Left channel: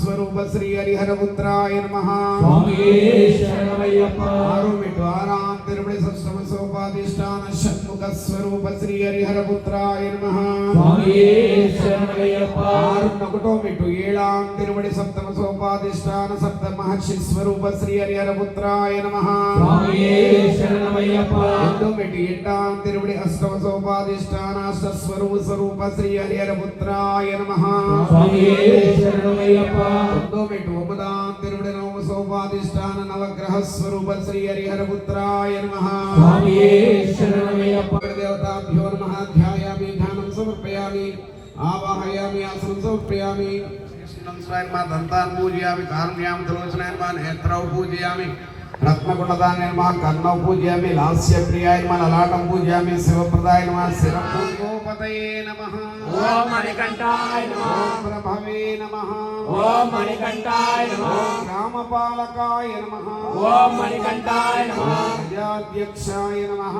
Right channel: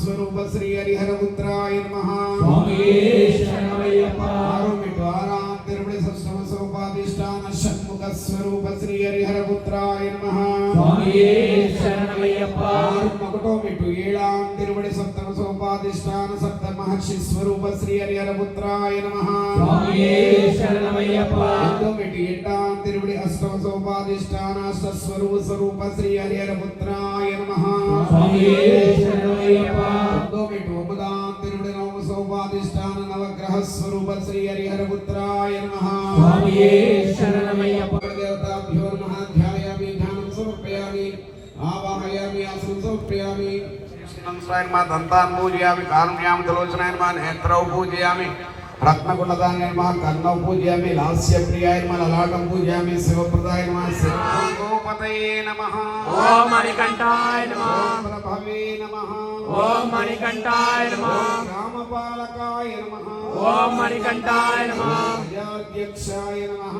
स्वरूप श्री हरिहर पुत्राय नमः स्वामी शरणमय्यप्प आरुमिटु आराम तिरुपति सप्तम सोपाधिष्ठान षण्मुख स्वरूप श्री हरिहर पुत्राय नमः स्वामी शरणमय्यप्प आरुमकुटो मिटु एळाम तिरुपति सप्तम सोपाधिष्ठान सप्त महर्षि स्वरूप श्री हरिहर पुत्राय नमः स्वामी शरणमय्यप्प मिटु एट्टाम तिरुपति अष्टम सोपाधिष्ठान अष्ट स्वरूप श्री हरिहर पुत्राय नमः स्वामी शरणमय्यप्प मिटु ओमदाम तिरुपति नवम सोपाधिष्ठान नवग्रह स्वरूप श्री हरिहर पुत्राय नमः स्वामी शरणमय्यप्प देवताभ्यो नमः ध्यायामि ध्यानं समर्पयामि आवाहयामि आसनं समर्पयामि कृष्णं स्वयं दन्तान् पूजयामि कारुण्यां तलोचनाय नमः नेत्रौ पूजयामि रत्नगुणदाय नमः कर्णौ पूजयामि लास्यप्रियाय नमः ललाटं पूजयामि शिवप्रदाय नमः शिरोपतये नमः ओम मणिकंठाय नमः ओम प्रभवे नमः ओम मणिकंठाय नमः ग्रामपालकाय नमः ओम मणिकंठाय नमः प्रजाध्यक्षाय नमः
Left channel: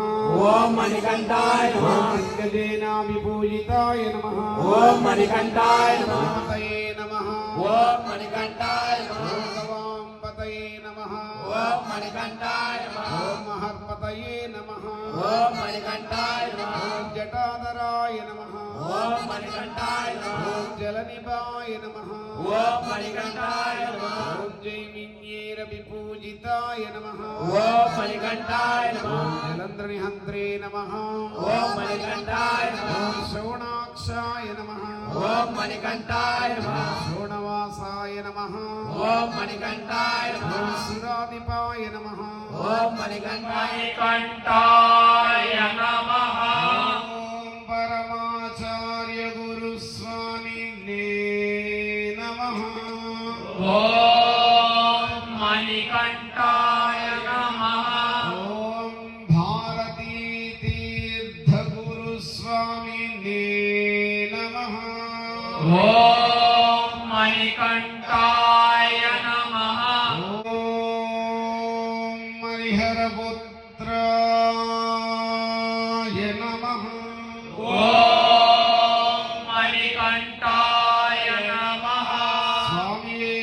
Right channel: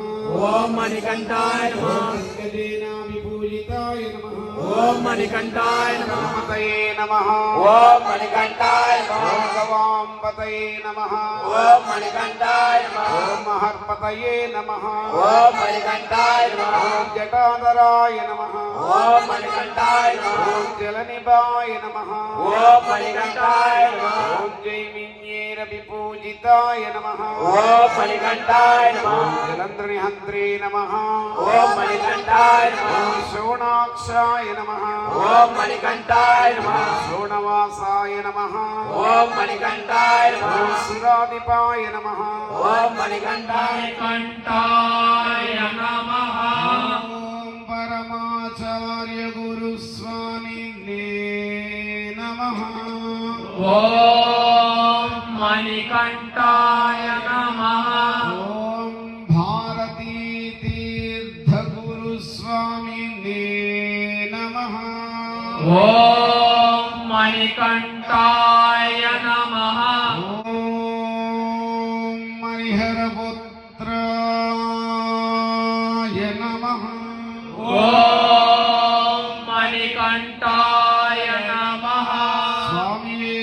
ओम मणिकंठाय नमः विपूजिताय नमः ओम मणिकंठाय नमः नमः ओम मणिकंठाय नमः भगवाम्बतये नमः ओम मणिकंठाय नमः ओम महर्पतये नमः ओम मणिकंठाय नमः जटाधराय नमः ओम मणिकंठाय नमः जलनिभाय नमः ओम मणिकंठाय नमः जैमिन्येन विपूजिताय नमः ओम मणिकंठाय नमः जलन्द्रनिहन्त्रे नमः ओम मणिकंठाय नमः शोणाक्षाय नमः ओम मणिकंठाय नमः शोणवासाय नमः ओम मणिकंठाय नमः सुराधिपाय नमः ओम मणिकंठाय नमः ओम परमाचार्य गुरु स्वामिने नमः ओम मणिकंठाय नमः ओम भारती तीर्थ गुरु स्वामिने नमः ओम मणिकंठाय नमः ओम हरिहर पुत्राय नमः ओम मणिकंठाय नमः स्वामी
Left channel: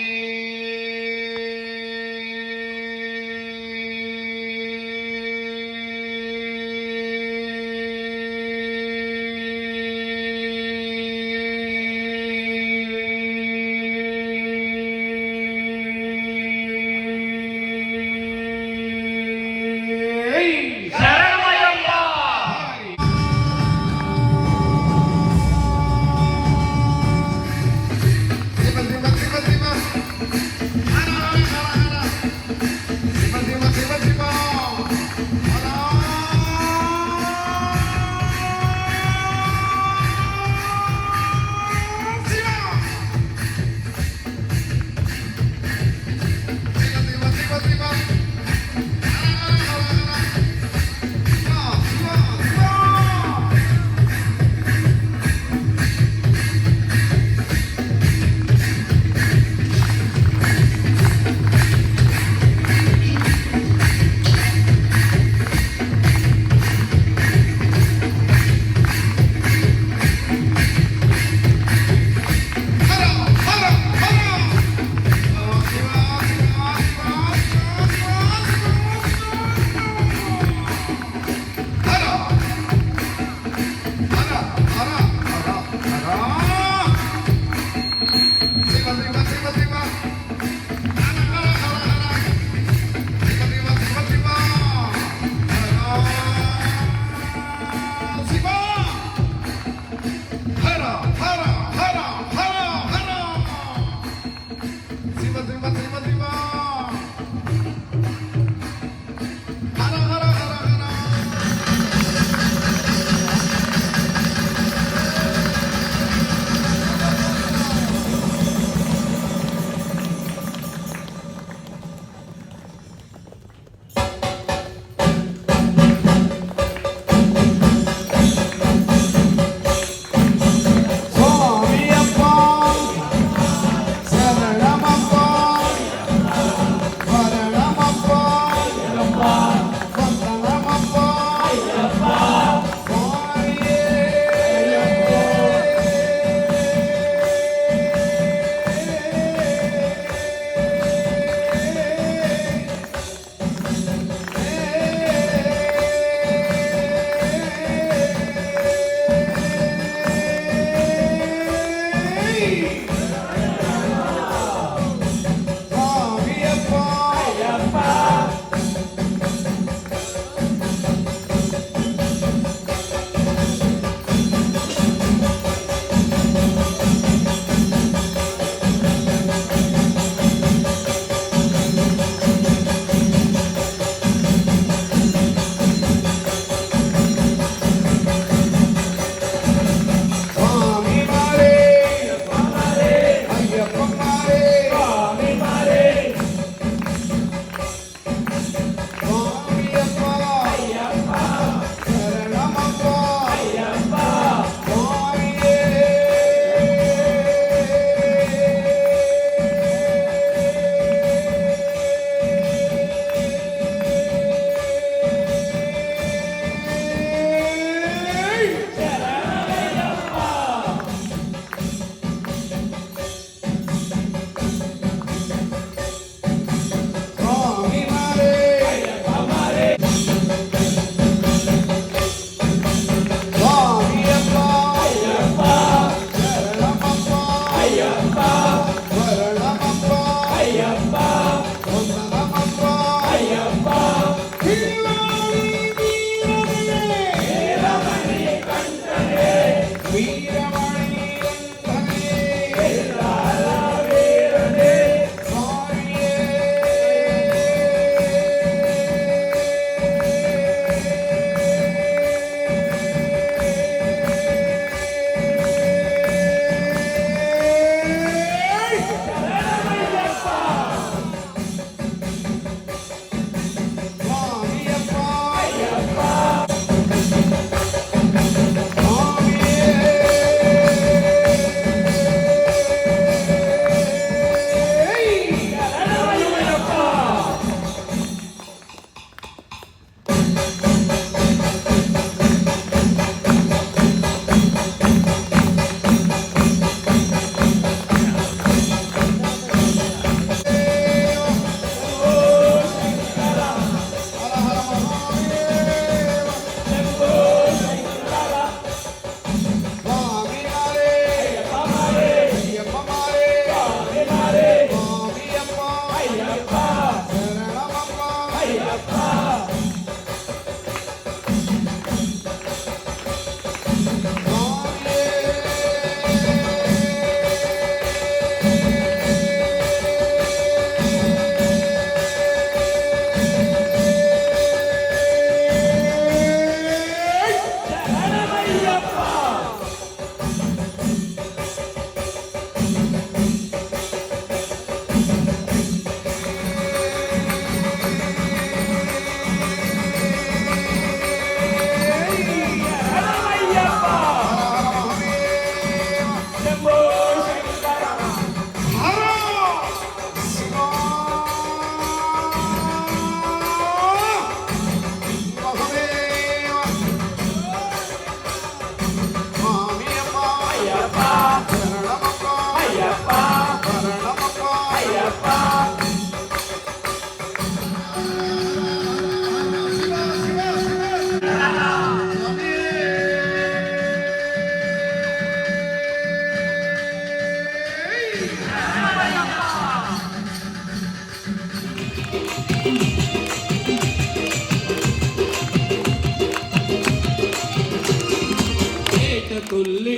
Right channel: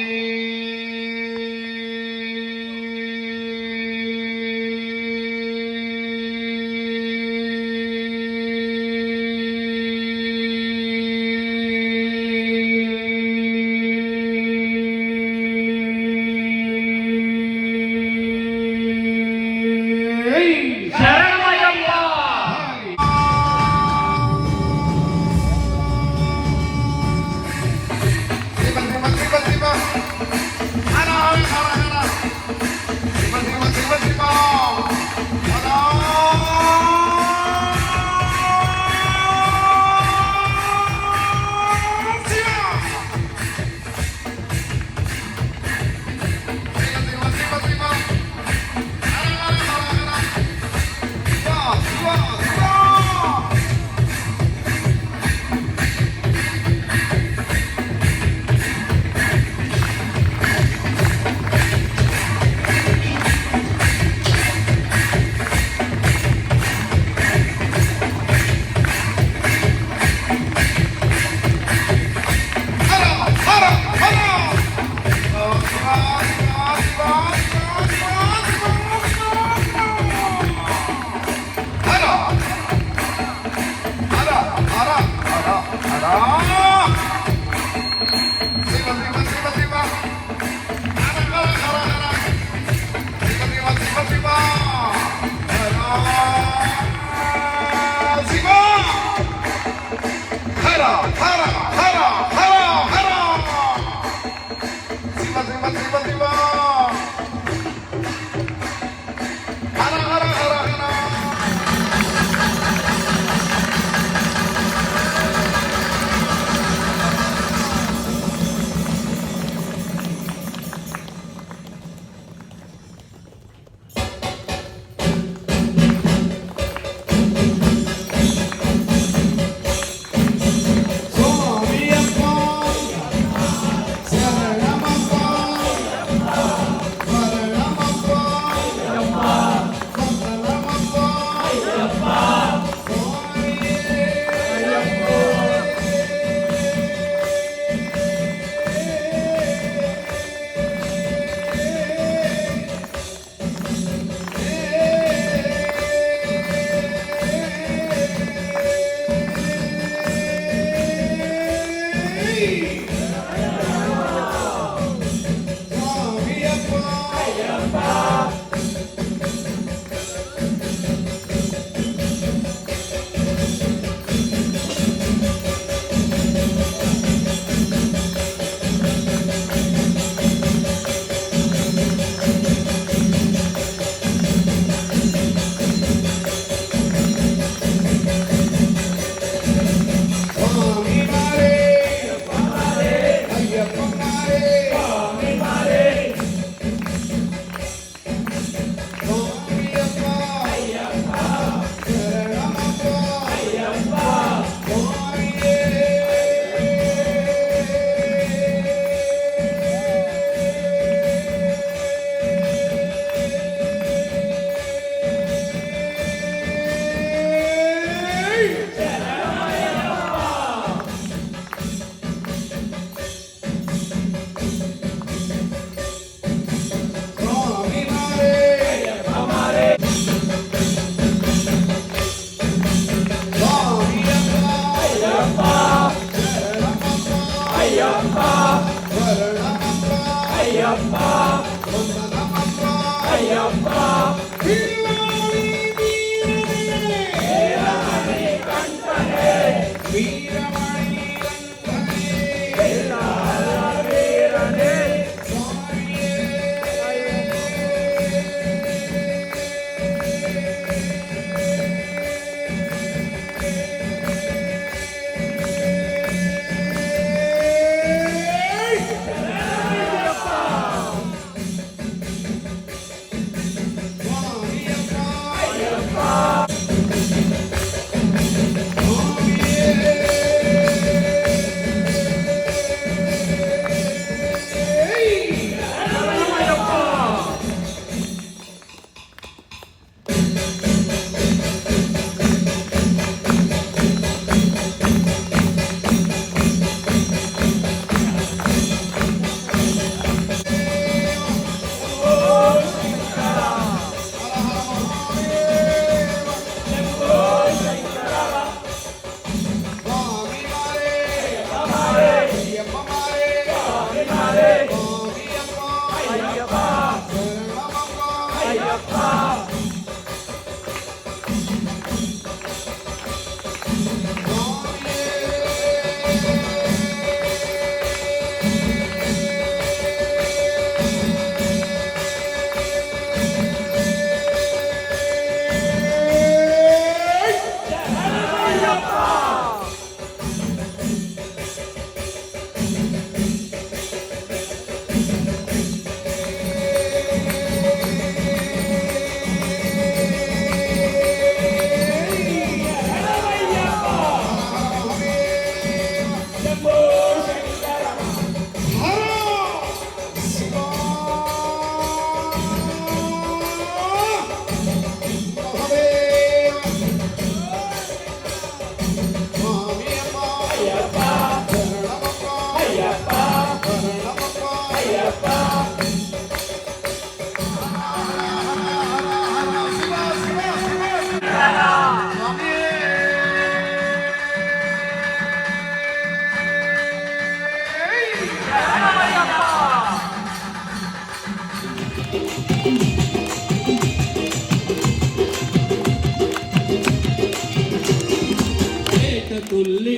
तुल्ली